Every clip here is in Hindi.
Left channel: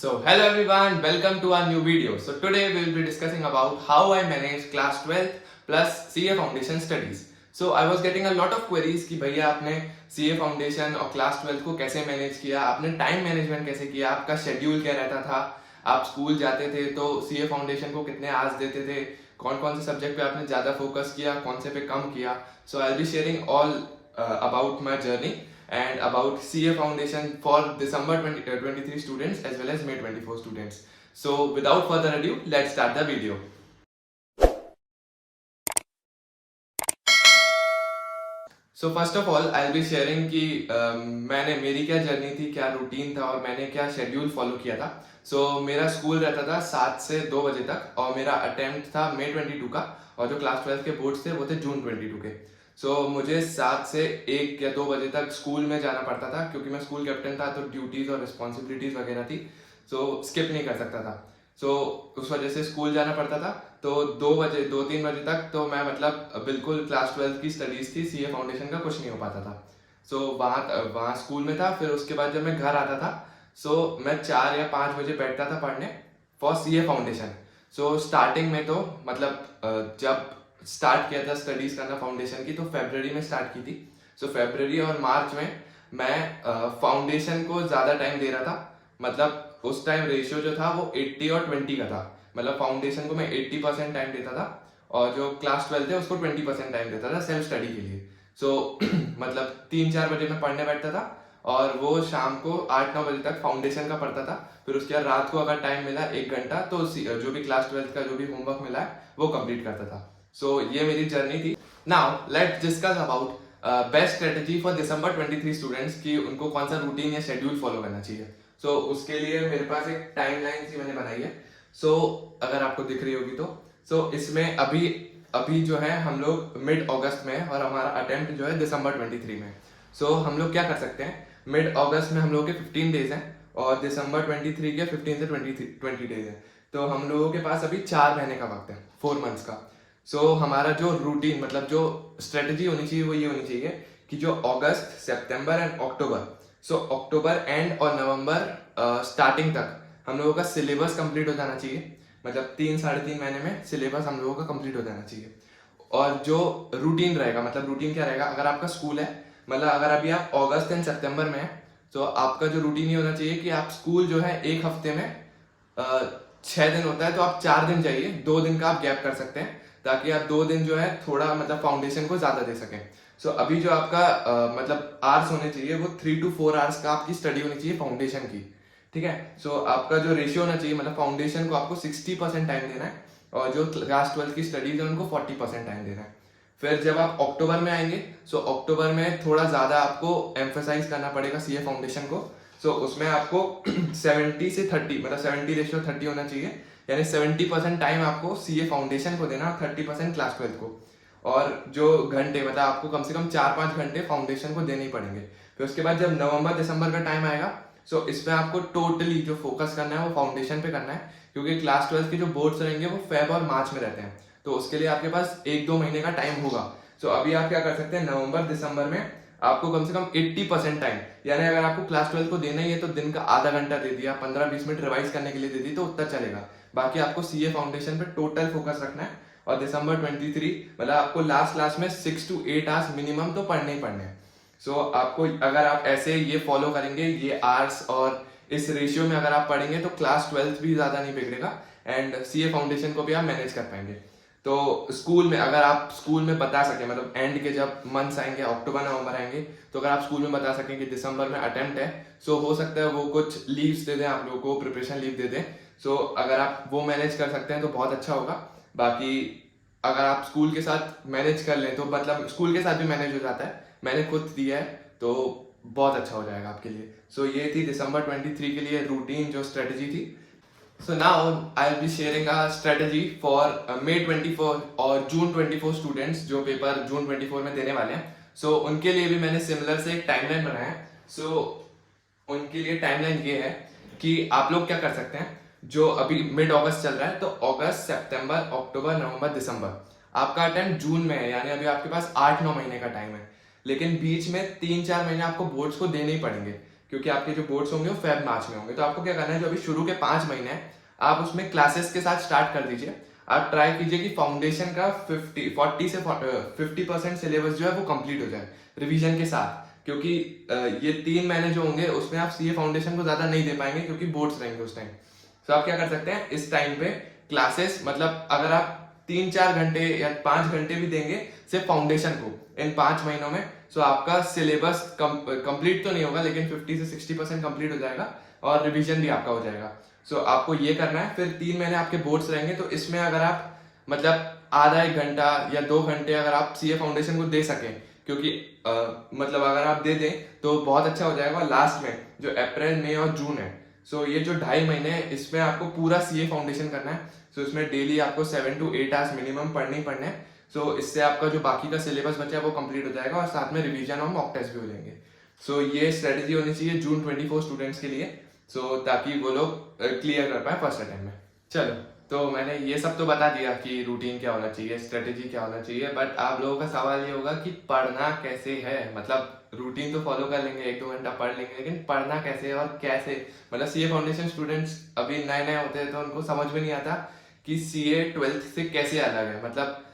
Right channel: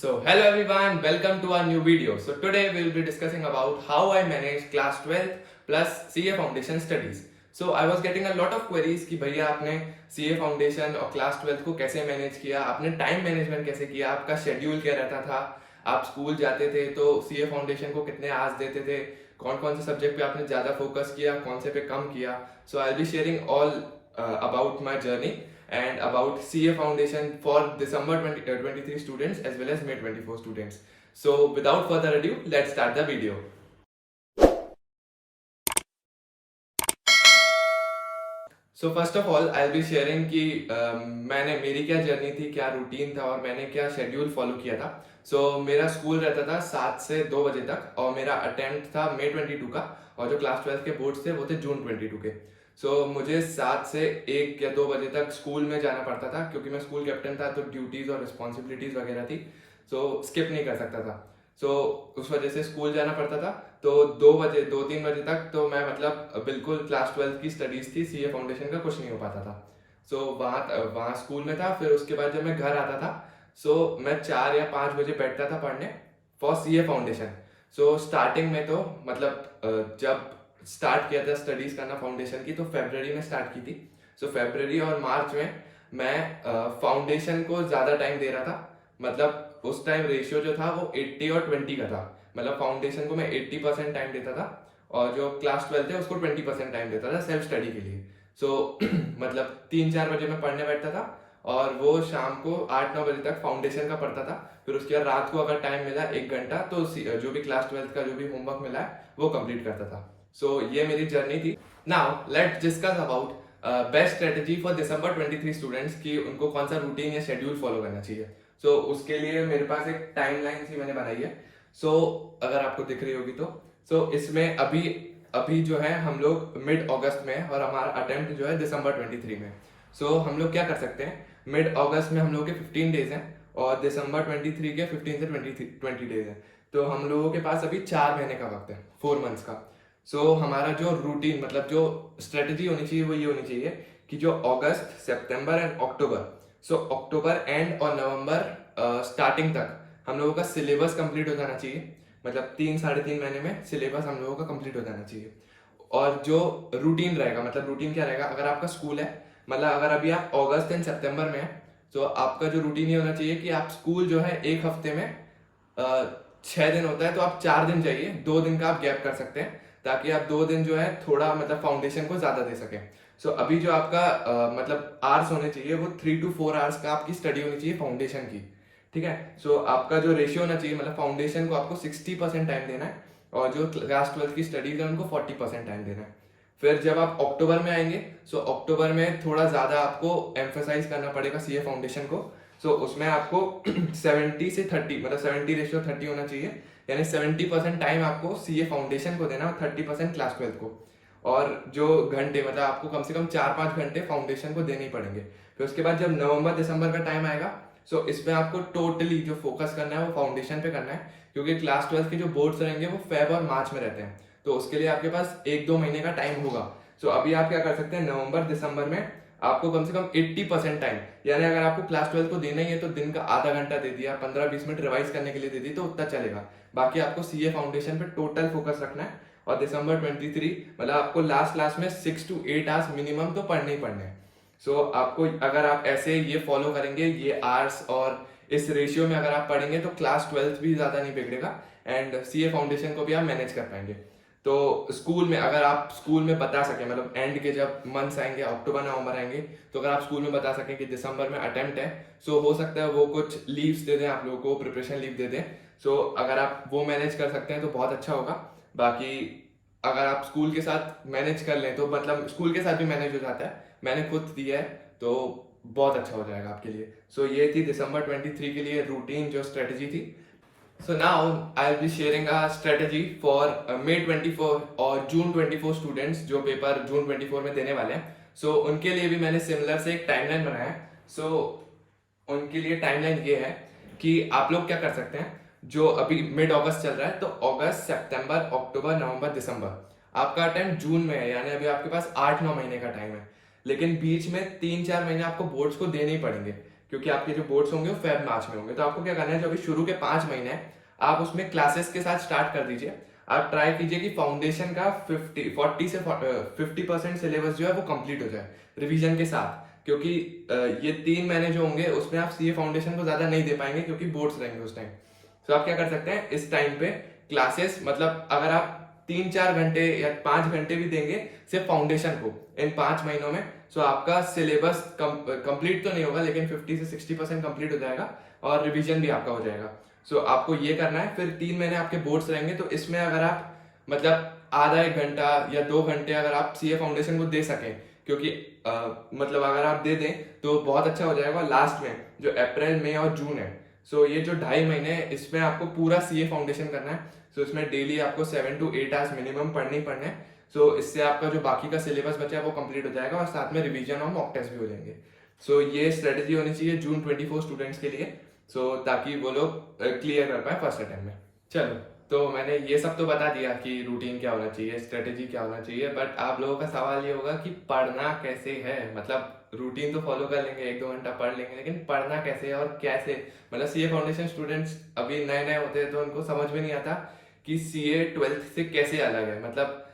So hello everyone, welcome to our new video. So today we will be discussing about how I manage class 12th plus CA foundation studies. So I was getting a lot of queries कि भैया आपने CA foundation और class 12th को कैसे मैनेज किया, आपने टाइम मैनेजमेंट कैसे किया, आपका शेड्यूल क्या रहता था, आप स्कूल जाते थे तो CA foundation को कितने आवर्स देते थे, कौन कौन से सब्जेक्ट पे आपने ज्यादा फोकस किया, कौन से पे कम किया. So I'll be sharing all about my journey and about CA Foundation for December 2023 students as well as May 24 students. So without further ado, let's start the video. So first of all, I'll be sharing कि मैंने मेरी क्या जर्नी थी, क्या रूटीन था और मैंने क्या शेड्यूल फॉलो किया था. So मेरा स्कूल रहता था 7 से 2 बजे तक और मेरा अटेम्प्ट था May 22 का और जो क्लास 12 के बोर्ड्स थे वो थे June 22 के. मुझे 7 से 1 या 2 बजे तक स्कूल में जाना पड़ता था क्योंकि मैं स्कूल कैप्टन था तो ड्यूटीज और रिस्पॉन्सिबिलिटीज वगैरह थी. स्किप नहीं कर सकता था. उस वजह से स्कूल जाना पड़ता था. तो 2-3 बजे तक तो मैं मतलब बिल्कुल क्लास 12 की स्टडीज थी, सीए फाउंडेशन का कुछ नहीं हो पाता था. वहाँ स्कूल में था. फिर उसके बाद जब मैं घर आता था मैं 4 या 5 बजे बैठता था पढ़ने फॉर सीए फाउंडेशन. स्टार्टिंग में तो मतलब जब स्टार्ट किया था स्टडीज करना फाउंडेशन की तो फरवरी में स्टार्ट की थी. फरवरी और मार्च में मैं फाउंडेशन को ज्यादा टाइम दे रहा था. मतलब उस टाइम रेशियो जो था वो 80 और 20 का था. मतलब फाउंडेशन को मैं 80% टाइम देता था और जो क्लास 12 थे उसको 20% टाइम देता था सेल्फ स्टडी के लिए. मतलब 3-4 बजे मैं पढ़ने बैठता था और वो शाम को 8-9 बजे तक फाउंडेशन का पढ़ता था. फिर उसके बाद रात को अगर टाइम मिला 1 घंटा तो जो भी क्लास 12 का जो भी होमवर्क मिला है वो कंप्लीट करता था. ये मेरी जर्नी थी. Now let's discuss about best strategy for December 23 students की उनको कौन सा रूटीन या शेड्यूल फॉलो करना चाहिए. उसके लिए मेरे पास एक टाइमलाइन सी मैंने बनाई है. अगर आपको दिख रही होगी तो इसमें अभी अभी जो है हम लोग मिड अगस्त में और हमारा अटेम्प्ट जो है दिसंबर 23 में. हम लोग क्या कर सकते हैं, मिड अगस्त में हम लोग के 15 डेज हैं और दिसंबर 23 के 15 से 20 डेज हैं. तो हम लोगों के पास अभी 4 महीने का वक्त है, 4 मंथ्स का. हमारा जो रूटीन मतलब जो स्ट्रेटेजी होनी चाहिए वो ये होनी चाहिए कि जो अगस्त, सितंबर एंड अक्टूबर एंड और नवंबर स्टार्टिंग तक हम लोगों का सिलेबस कंप्लीट हो जाना चाहिए. मतलब 3-3.5 महीने में सिलेबस हम लोगों का कंप्लीट हो जाना चाहिए. और जो रूटीन रहेगा, मतलब रूटीन क्या रहेगा, अगर आपका स्कूल है, मतलब अगर अभी आप अगस्त एंड सितंबर में है तो आपका जो रूटीन ये होना चाहिए कि आप स्कूल जो है एक हफ्ते में 6 दिन होता है तो आप 4 दिन जाइए, 2 दिन का आप गैप कर सकते हैं ताकि आप 2 दिन जो है थोड़ा मतलब फाउंडेशन को ज्यादा दे सकें. अभी जो आपका मतलब आवर्स होने चाहिए वो 3 to 4 आवर्स का आपकी स्टडी होनी चाहिए फाउंडेशन की. ठीक है. आपका जो रेशियो होना चाहिए, मतलब फाउंडेशन को आपको 60% टाइम देना है और जो क्लास 12 की स्टडीज है उनको 40% टाइम देना है. फिर जब आप अक्टूबर में आएंगे अक्टूबर में थोड़ा ज्यादा आपको एम्फेसाइज करना पड़ेगा सीए फाउंडेशन को. उसमें आपको 70 से 30 मतलब 70:30 होना चाहिए. यानी 70% टाइम आपको सीए फाउंडेशन को देना और 30% क्लास 12 को. और जो घंटे मतलब आपको कम से कम 4-5 घंटे फाउंडेशन को देने ही पड़ेंगे. फिर उसके बाद जब नवंबर दिसंबर का टाइम आएगा इसमें आपको टोटली जो फोकस करना है वो फाउंडेशन पे करना है क्योंकि क्लास 12 के जो बोर्ड्स रहेंगे वो फेब और मार्च में रहते हैं. उसके लिए आपके पास 1-2 महीने का टाइम होगा. अभी आप क्या कर सकते हैं, नवंबर दिसंबर में आपको कम से कम 80% टाइम, यानी अगर आपको क्लास 12 को देना ही है तो दिन का आधा घंटा दे दिया, 15-20 मिनट रिवाइज करने के लिए दे दी तो उतना चलेगा. बाकी आपको सीए फाउंडेशन पे टोटल फोकस रखना है. और दिसंबर 23 मतलब आपको लास्ट में 6 to 8 आवर्स मिनिमम तो पढ़ने ही पढ़ने हैं. आपको अगर आप ऐसे ये फॉलो करेंगे, ये आवर्स और इस रेशियो में अगर आप पढ़ेंगे तो क्लास 12 भी ज्यादा नहीं बिगड़ेगा एंड सीए फाउंडेशन को भी आप मैनेज कर पाएंगे. स्कूल में अगर आप स्कूल में बता सके, मतलब एंड के जब मंथ्स आएंगे, अक्टूबर नवंबर आएंगे, तो अगर आप स्कूल में बता सकें कि दिसंबर में अटेम्प्ट है हो सकता है वो कुछ लीव्स दे दें आप लोगों को, प्रिपरेशन लीव दे दें. अगर आप वो मैनेज कर सकते हैं तो बहुत अच्छा होगा. बाकी अगर आप स्कूल के साथ मैनेज कर लें तो मतलब स्कूल के साथ भी मैनेज हो जाता है, मैंने खुद दिया है तो बहुत अच्छा हो जाएगा आपके लिए. ये थी दिसंबर 23 के लिए रूटीन जो स्ट्रेटेजी थी. Now I'll be sharing a strategy for May 24 और June 24 स्टूडेंट्स जो पेपर जून 24 में देने वाले हैं. उनके लिए भी मैंने सिमिलर से एक टाइमलाइन बनाया है. उनके लिए टाइमलाइन ये है कि आप लोग क्या कर सकते हैं, जो अभी मिड अगस्त चल रहा है तो अगस्त, सितंबर, अक्टूबर, नवंबर, दिसंबर आपका टाइम जून में है, यानी अभी आपके पास 8-9 महीने का टाइम है. लेकिन बीच में 3-4 महीने आपको बोर्ड्स को देने ही पड़ेंगे क्योंकि आपके जो बोर्ड्स होंगे वो फेब मार्च में होंगे। तो आपको क्या करना है, जो अभी शुरू के 5 महीने हैं आप उसमें क्लासेस के साथ स्टार्ट कर दीजिए। आप ट्राई कीजिए कि फाउंडेशन का 50% सिलेबस जो है वो कंप्लीट हो जाए रिवीजन के साथ, क्योंकि ये 3 महीने जो होंगे उसमें आप सीए फाउंडेशन को ज्यादा नहीं दे पाएंगे क्योंकि बोर्ड्स रहेंगे उस टाइम। तो आप क्या कर सकते हैं, इस टाइम पे क्लासेस, मतलब अगर आप 3-4 घंटे या 5 घंटे भी देंगे सिर्फ फाउंडेशन को इन 5 महीनों में, तो आपका सिलेबस कंप्लीट तो नहीं होगा लेकिन 50 से 60% कंप्लीट हो जाएगा और रिवीजन भी आपका हो जाएगा। सो आपको ये करना है। फिर 3 महीने आपके बोर्ड्स रहेंगे, तो इसमें अगर आप मतलब आधा 1 घंटा या 2 घंटे अगर आप सीए फाउंडेशन को दे सकें, क्योंकि मतलब अगर आप दे दें तो बहुत अच्छा हो जाएगा। लास्ट में जो अप्रैल मई और जून है, सो ये जो 2.5 महीने हैं इसमें आपको पूरा सीए फाउंडेशन करना है। सो इसमें डेली आपको 7 to 8 आवर्स मिनिमम पढ़ने ही पढ़ने हैं। सो इससे आपका जो बाकी का सिलेबस बचा है वो कंप्लीट हो जाएगा और साथ में रिवीजन और मॉक टेस्ट भी हो जाएंगे। सो ये स्ट्रेटेजी होनी चाहिए जून 24 स्टूडेंट्स के लिए, सो ताकि वो लोग क्लियर कर पाए फर्स्ट अटेम्प्ट में। चलो, तो मैंने ये सब तो बता दिया कि रूटीन क्या होना चाहिए, स्ट्रेटेजी क्या होना चाहिए, बट आप लोगों का सवाल ये होगा कि पढ़ना कैसे है। मतलब रूटीन तो फॉलो कर लेंगे, 1-2 घंटा पढ़ लेंगे, लेकिन पढ़ना कैसे है और कैसे। मतलब सीए फाउंडेशन स्टूडेंट्स अभी नए नए होते हैं तो उनको समझ में नहीं आता कि सीए 12th से कैसे अलग है। मतलब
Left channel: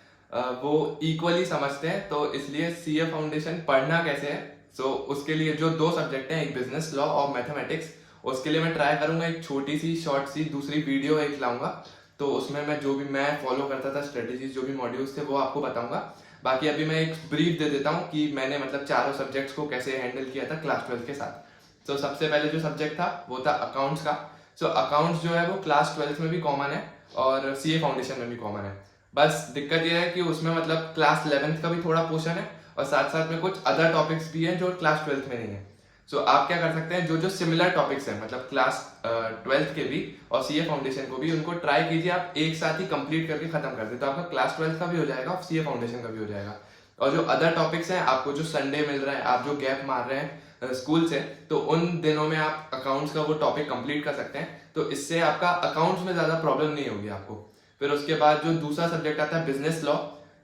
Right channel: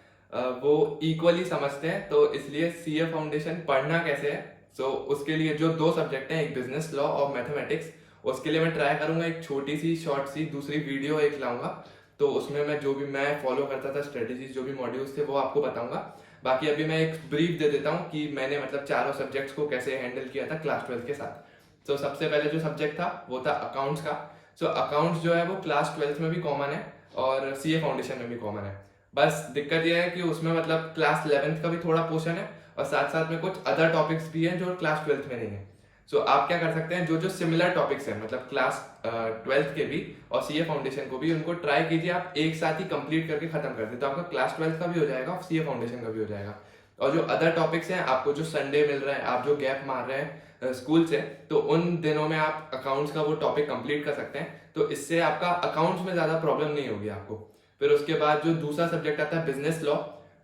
वो इक्वली समझते हैं, तो इसलिए सीए फाउंडेशन पढ़ना कैसे है। सो उसके लिए जो 2 सब्जेक्ट हैं, एक बिजनेस लॉ और मैथमेटिक्स, उसके लिए मैं ट्राई करूंगा एक छोटी सी शॉर्ट सी दूसरी वीडियो एक लाऊंगा। तो उसमें मैं जो भी मैं फॉलो करता था स्ट्रेटेजीज, जो भी मॉड्यूल्स थे वो आपको बताऊंगा। बाकी अभी मैं एक ब्रीफ दे देता हूँ कि मैंने मतलब चारों सब्जेक्ट्स को कैसे हैंडल किया था क्लास 12 के साथ। तो सबसे पहले जो सब्जेक्ट था वो था अकाउंट्स का। सो अकाउंट्स जो है वो क्लास 12 में भी कॉमन है और सीए फाउंडेशन में भी कॉमन है। बस दिक्कत यह है कि उसमें मतलब क्लास 11 का भी थोड़ा पोर्शन है और साथ साथ में कुछ अदर टॉपिक्स भी हैं जो क्लास 12 में नहीं है। सो आप क्या कर सकते हैं, जो जो सिमिलर टॉपिक्स हैं मतलब क्लास 12 के भी और सीए फाउंडेशन को भी, उनको ट्राई कीजिए आप एक साथ ही कंप्लीट करके खत्म कर दे, तो आपका क्लास 12 का भी हो जाएगा और सीए फाउंडेशन का भी हो जाएगा। और जो अदर टॉपिक्स हैं, आपको जो संडे मिल रहा है, आप जो गैप मार रहे हैं स्कूल से, तो उन दिनों में आप अकाउंट्स का वो टॉपिक कंप्लीट कर सकते हैं। तो इससे आपका अकाउंट्स में ज्यादा प्रॉब्लम नहीं होगी आपको। फिर उसके बाद जो दूसरा सब्जेक्ट आता है बिजनेस लॉ।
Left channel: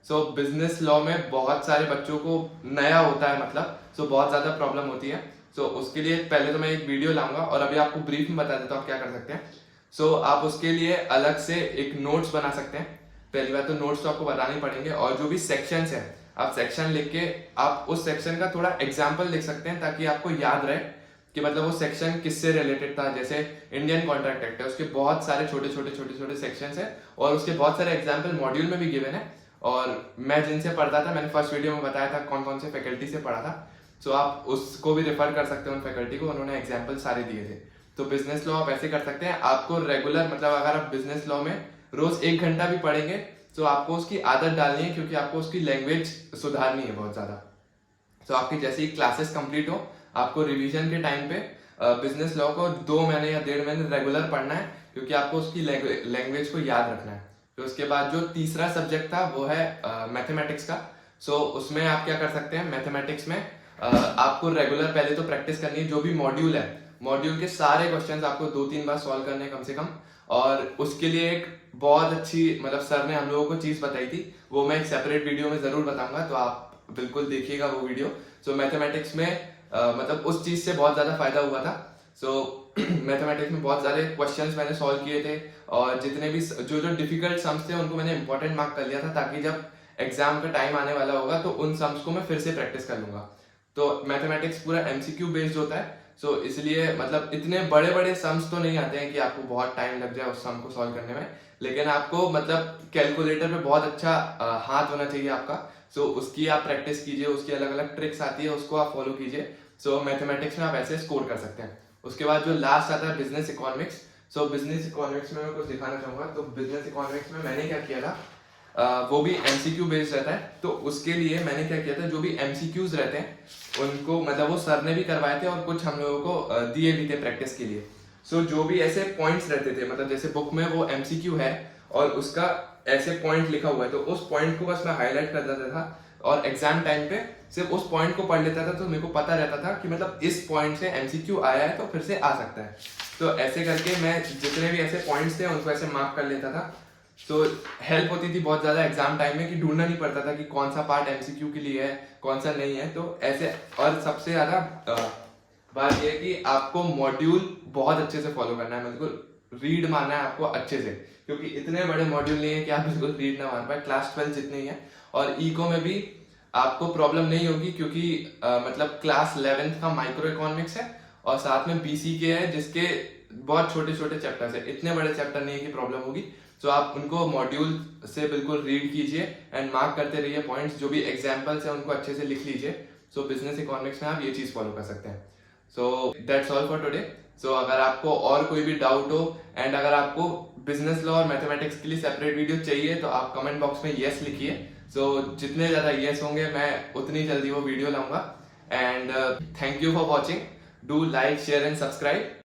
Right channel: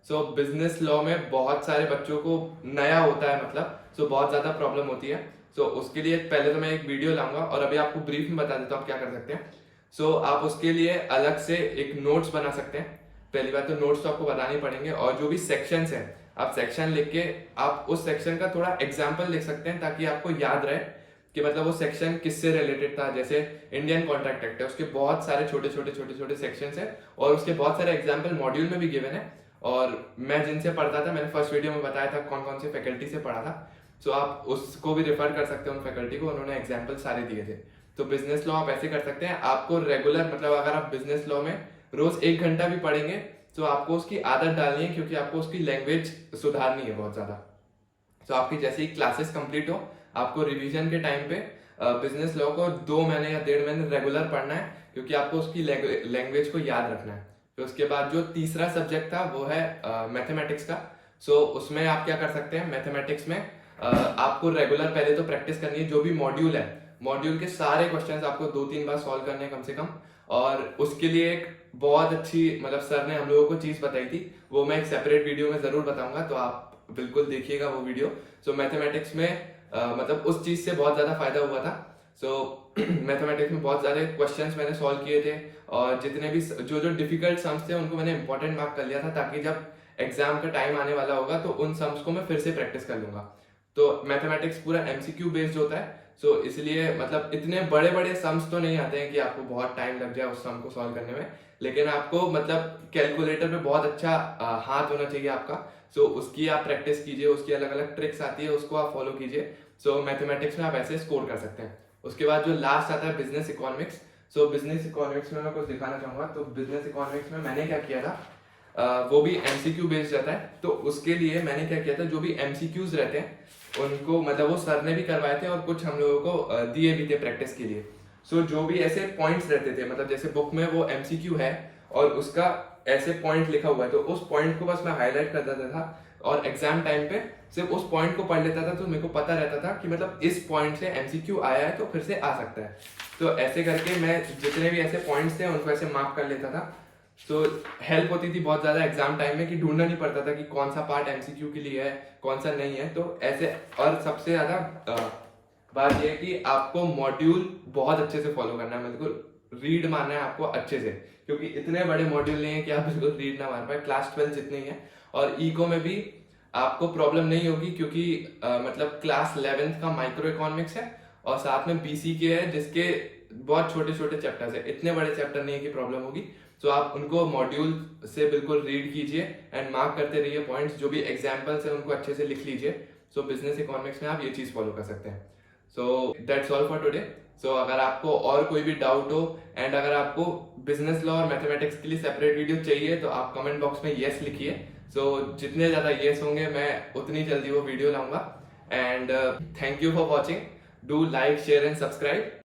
सो बिजनेस लॉ में बहुत सारे बच्चों को नया होता है, मतलब सो बहुत ज्यादा प्रॉब्लम होती है। सो उसके लिए पहले तो मैं एक वीडियो लाऊंगा और अभी आपको ब्रीफ में बता देता हूँ आप क्या कर सकते हैं। सो आप उसके लिए अलग से एक नोट्स बना सकते हैं। पहली बात तो नोट्स तो आपको बताने पड़ेंगे, और जो भी सेक्शंस हैं आप सेक्शन लिख के आप उस सेक्शन का थोड़ा एग्जाम्पल लिख सकते हैं, ताकि आपको याद रहे कि मतलब वो सेक्शन किससे रिलेटेड था। जैसे इंडियन कॉन्ट्रैक्ट एक्ट है, उसके बहुत सारे छोटे छोटे सेक्शंस हैं और उसके बहुत सारे एग्जाम्पल मॉड्यूल में भी गिवन है। और मैं जिनसे पढ़ता था, मैंने फर्स्ट वीडियो में बताया था कौन कौन से फैकल्टी से पढ़ा था। सो आप उसको भी रेफर कर सकते हैं, उन फैकल्टी को, उन्होंने एग्जाम्पल सारे दिए थे। तो बिजनेस लॉ आप ऐसे कर सकते हैं। आपको रेगुलर मतलब अगर आप बिजनेस लॉ में रोज 1 घंटा भी पढ़ेंगे तो आपको उसकी आदत डालनी है, क्योंकि आपको उसकी लैंग्वेज सुधारनी है बहुत ज्यादा। तो आपकी जैसे ही क्लासेस कंप्लीट हो, आपको रिवीजन के टाइम पे बिजनेस लॉ को 2 महीने या 1.5 महीने रेगुलर पढ़ना है, क्योंकि आपको उसकी लैंग्वेज को याद रखना है। फिर उसके बाद जो तीसरा सब्जेक्ट था वो है मैथमेटिक्स का। सो उसमें आप क्या कर सकते हैं, मैथमेटिक्स में आपको रेगुलर पहले तो प्रैक्टिस करनी है। जो भी मॉड्यूल है, मॉड्यूल के सारे क्वेश्चंस आपको 2-3 बार सॉल्व करने हैं कम से कम। और उसके लिए एक बहुत अच्छी मतलब सर ने हम लोगों को चीज बताई थी, वो मैं एक सेपरेट वीडियो में जरूर बताऊंगा, तो आप बिल्कुल देखिएगा वो वीडियो। सो मैथमेटिक्स में मतलब उस चीज से बहुत ज्यादा फायदा हुआ था। सो मैथमेटिक्स में बहुत सारे क्वेश्चंस मैंने सॉल्व किए थे, और जितने भी जो जो डिफिकल्ट सम्स थे उनको मैंने इंपॉर्टेंट मार्क कर लिया था, ताकि जब एग्जाम का टाइम आने वाला होगा तो उन सम्स को मैं फिर से प्रैक्टिस कर लूंगा। तो मैथमेटिक्स पूरा एमसीक्यू बेस्ड होता है। सो इसलिए मतलब इतने बड़े बड़े सम्स तो नहीं आते हैं कि आपको बहुत टाइम लग जाए उस सम को सॉल्व करने में, लेकिन आपको मतलब कैलकुलेटर पे बहुत अच्छा हाथ होना चाहिए आपका। सो उसकी आप प्रैक्टिस कीजिए, उसकी अलग अलग ट्रिक्स आती है, उसको आप फॉलो कीजिए। सो मैथमेटिक्स में आप ऐसे स्कोर कर सकते हैं। उसके बाद जो लास्ट आता है बिजनेस इकोनॉमिक्स। सो बिजनेस इकोनॉमिक्स में मैं कुछ दिखाना चाहूंगा। तो बिजनेस इकोनॉमिक्स में मैंने क्या किया था, वो भी एमसीक्यू बेस्ड रहता है। तो उसके लिए मैंने क्या किया था, जो भी एमसीक्यूज रहते हैं उनको मतलब वो सर ने भी करवाए थे और कुछ हम लोगों को दिए भी थे प्रैक्टिस के लिए। सो जो भी ऐसे पॉइंट्स रहते थे, मतलब जैसे बुक में वो एमसीक्यू है और उसका ऐसे पॉइंट लिखा हुआ है, तो उस पॉइंट को बस मैं हाईलाइट कर देता था और एग्जाम टाइम पे सिर्फ उस पॉइंट को पढ़ लेता था। तो मेरे को पता रहता था कि मतलब इस पॉइंट से एमसीक्यू आया है तो फिर से आ सकता है। तो ऐसे करके मैं जितने भी ऐसे पॉइंट्स थे उनको ऐसे मार्क कर लेता था। तो हेल्प होती थी बहुत ज्यादा एग्जाम टाइम में, कि ढूंढना नहीं पड़ता था कि कौन सा पार्ट एमसीक्यू के लिए है कौन सा नहीं है। तो ऐसे, और सबसे ज्यादा बात यह है कि आपको मॉड्यूल बहुत अच्छे से फॉलो करना है, बिल्कुल रीड मारना है आपको अच्छे से, क्योंकि इतने बड़े मॉड्यूल नहीं है कि आप बिल्कुल रीड ना मार पाए। क्लास 12 जितने ही है। और इको में भी आपको प्रॉब्लम नहीं होगी, क्योंकि मतलब क्लास 11 का माइक्रो इकोनॉमिक्स है और साथ में बीसीके है, जिसके बहुत छोटे छोटे चैप्टर्स है, इतने बड़े चैप्टर नहीं है कि प्रॉब्लम होगी। सो आप उनको मॉड्यूल से बिल्कुल रीड कीजिए एंड मार्क करते रहिए पॉइंट्स, जो भी एग्जाम्पल्स है उनको अच्छे से लिख लीजिए। सो बिजनेस इकोनॉमिक्स में आप ये चीज फॉलो कर सकते हैं। So that's all for today. So अगर आपको और कोई भी डाउट हो एंड अगर आपको बिजनेस लॉ और मैथमेटिक्स के लिए सेपरेट वीडियो चाहिए तो आप कमेंट बॉक्स में यस लिखिए। सो जितने ज्यादा यस होंगे मैं उतनी जल्दी वो वीडियो लाऊंगा। And thank you for watching. Do like share and subscribe.